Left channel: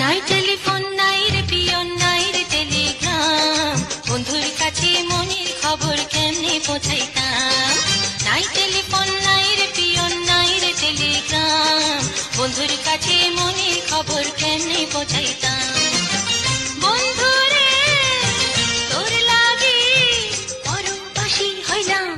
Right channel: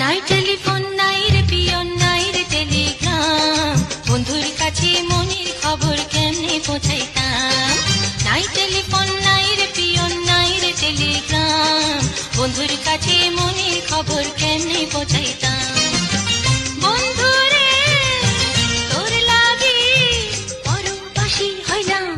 নাই টেলিফোন নাই রে পিয়ন নাই রে টেলিগ্রাম, বন্ধুর কাছে মনের খবর কেমনে পৌঁছাইতাম। নাই টেলিফোন নাই রে পিয়ন নাই রে টেলিগ্রাম, বন্ধুর কাছে মনের খবর কেমনে পৌঁছাইতাম। বন্ধুরে তোর লাগি পরবাসী হইলাম,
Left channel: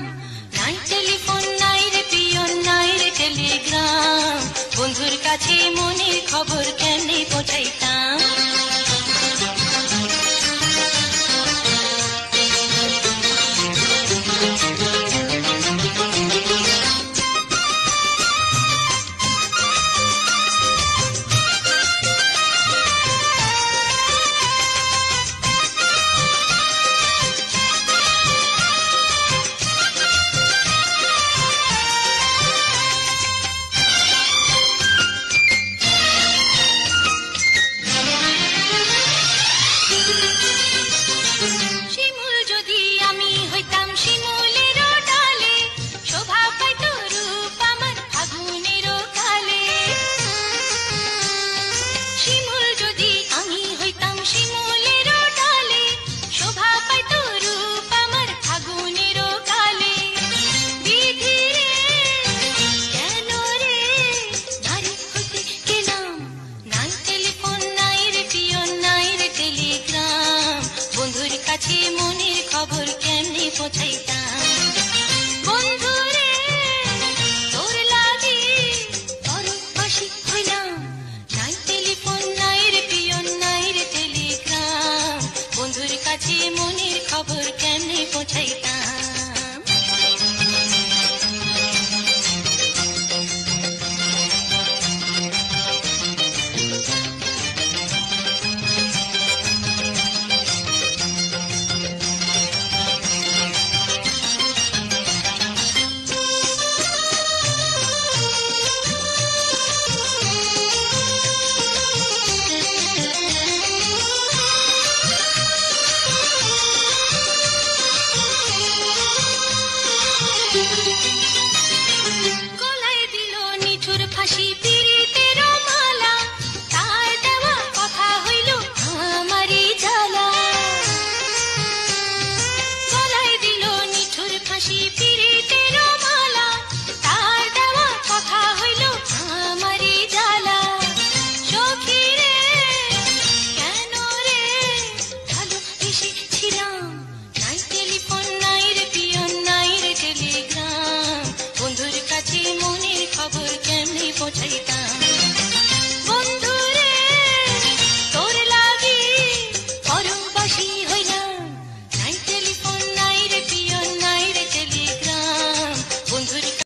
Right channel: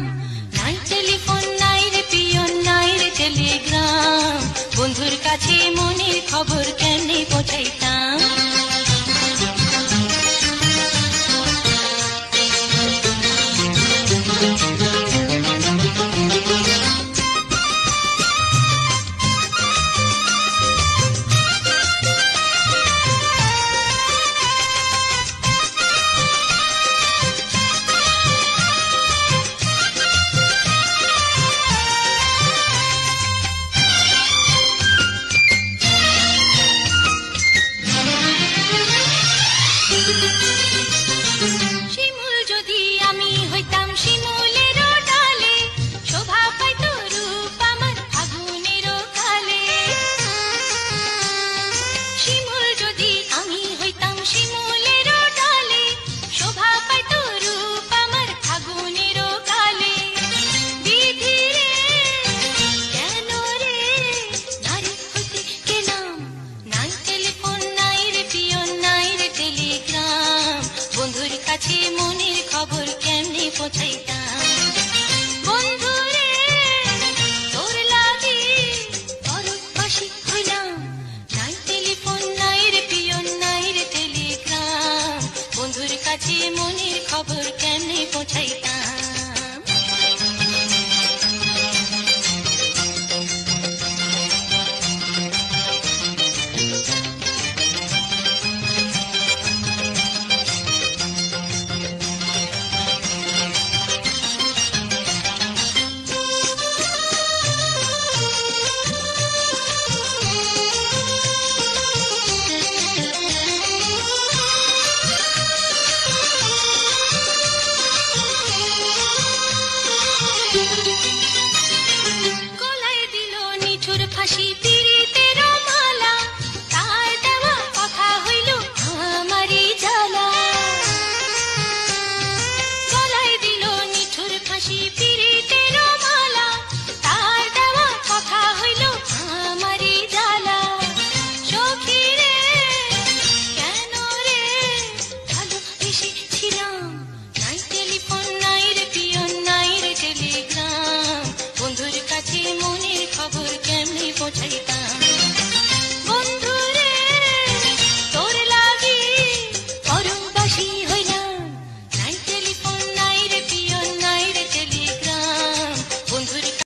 নাই টেলিফোন নাই রে পিয়ন নাই রে টেলিগ্রাম, বন্ধুর কাছে মনের খবর কেমনে পৌঁছাইতাম। শিমুল যদি আমি হইতাম শিমুলের ডালে, শোভা পাইত রূপ আমার আগুনের কালে। শিমুল যদি আমি হইতাম শিমুলের ডালে, শোভা পাইত রূপ আমার আগুনের কালে। বিধি রে কেন রে নারী হতে গেলাম, নাই টেলিফোন নাই রে পিয়ন নাই রে টেলিগ্রাম, বন্ধুর কাছে মনের খবর কেমনে পৌঁছাইতাম। বন্ধুরে তোর লাগি পরবাসী হইলাম, নাই টেলিফোন নাই রে পিয়ন নাই রে টেলিগ্রাম, বন্ধুর কাছে মনের খবর কেমনে পৌঁছাইতাম। গলায় দিল নিঠুর ফাঁসি পীড়িতের